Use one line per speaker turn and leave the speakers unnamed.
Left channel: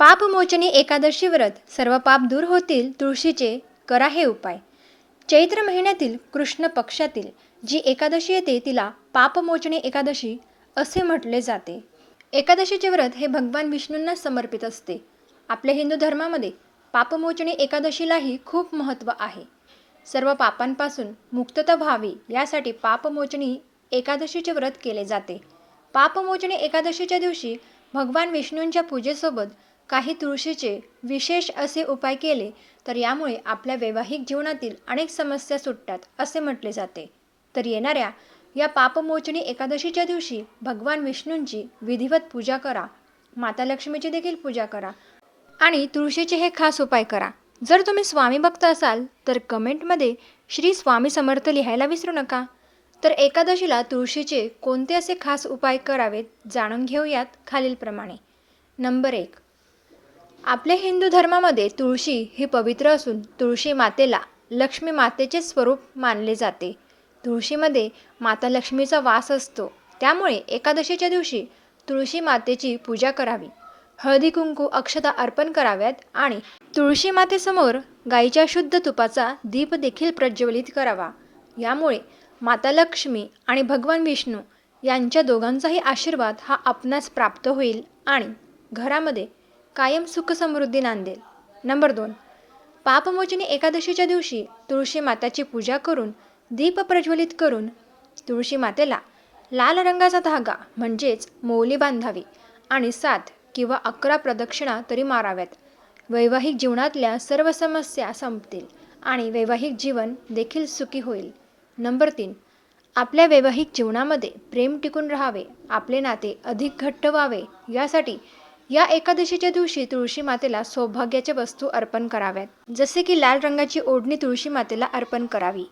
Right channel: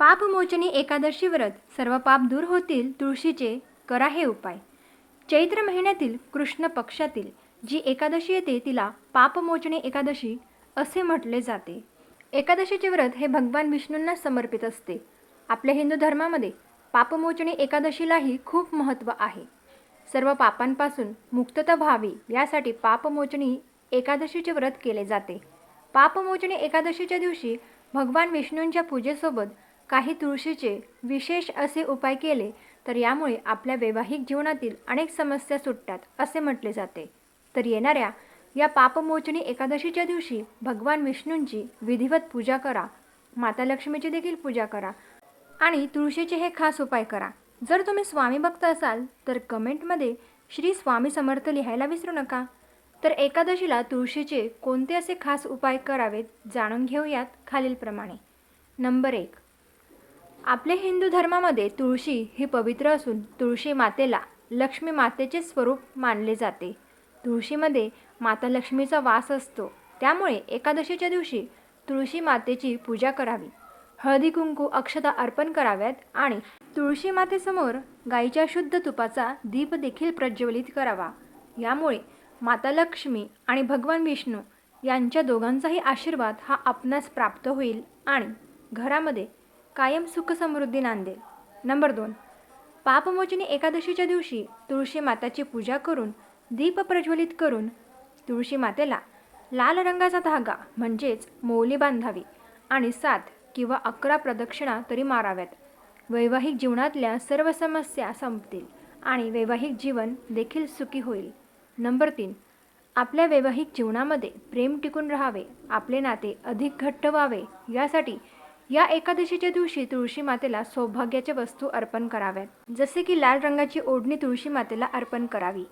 पापमोचनी एकादशी व्रत सर्व पाप दूर होतील तुळशीचे करा हे उपाय. चैत्र महिन्यातील कृष्ण पक्षातील जी एकादशी येते तिला पापमोचनी एकादशी असे म्हटले जाते. एकादशीचे व्रत हे भगवान विष्णूंना समर्पित असते. आपल्या हिंदू धर्मामध्ये पापमोचनी एकादशीलाही खूप महत्त्व आहे. सर्व पापांपासून मुक्तता व्हावी यासाठी पापमोचनी एकादशीचे व्रत केले जाते. पापमोचनी एकादशीच्या दिवशी भगवान विष्णूंच्या पूजेसोबत काही तुळशीचे विशेष असे उपाय केले तर यामुळे आपल्या वैवाहिक जीवनातील अनेक समस्या सुटतात असे म्हटले जाते. तर येणाऱ्या या पापमोचनी एकादशीच्या दिवशी भगवान विष्णूंची विधिवत पूजा करा माता लक्ष्मीची देखील पूजा करा आणि तुळशीचे हे खास उपाय करा. जर तुम्ही स्वामी भक्त असाल तर कमेंटमध्ये श्री स्वामी समर्थ लिहायला विसरू नका. तर एकादशीला तुळशीचे कोणते असे खास उपाय करावेत जाणून घेऊयात खालीलप्रमाणे. नंबर एक आपल्या हिंदू धर्मामध्ये तुळशी ही पवित्र असून तुळशी मातेला लक्ष्मी मातेचे स्वरूप मानले जाते. तुळशीमध्ये माता लक्ष्मीचा वास असतो. त्यामुळे एकादशीच्या दिवशी तुळशी मातेची पूजा करावी. हळदी कुंकू अक्षता अर्पण कराव्यात आणि तुळशी मातेसमोर गाईच्या शुद्ध तुपाचा दीप देखील प्रज्वलित करावा. यामुळे माता लक्ष्मी आणि भगवान विष्णू यांच्या दोघांचाही आशीर्वाद हा आपणास प्राप्त होईल आणि घरामध्ये कायम सुख समृद्धी नांदेल. नंबर दोन. पापमोचनी एकादशीच्या दिवशी तुळशी माताची पूजा करून दीप प्रज्वलित करून तुळशी मातेला लाल रंगाचा धागा म्हणजेच मौली बांधावी आणि सात किंवा अकरा प्रदक्षिणा तरी माराव्यात. वैवाहिक जीवनातल्या सर्व समस्या संपतील आणि वैवाहिक जीवन देखील सुखी होईल. नंबर तीन. आपल्या वैवाहिक जीवनामध्ये प्रेम टिकून राहावे आपले नाते अधिक घट्ट व्हावे यासाठी या एकादशीच्या दिवशी तुळशी मातेला सौभाग्याच्या वस्तू अर्पण कराव्यात. जसे की लाल रंगाची ओढणी तुळशी मातेला अर्पण करावी.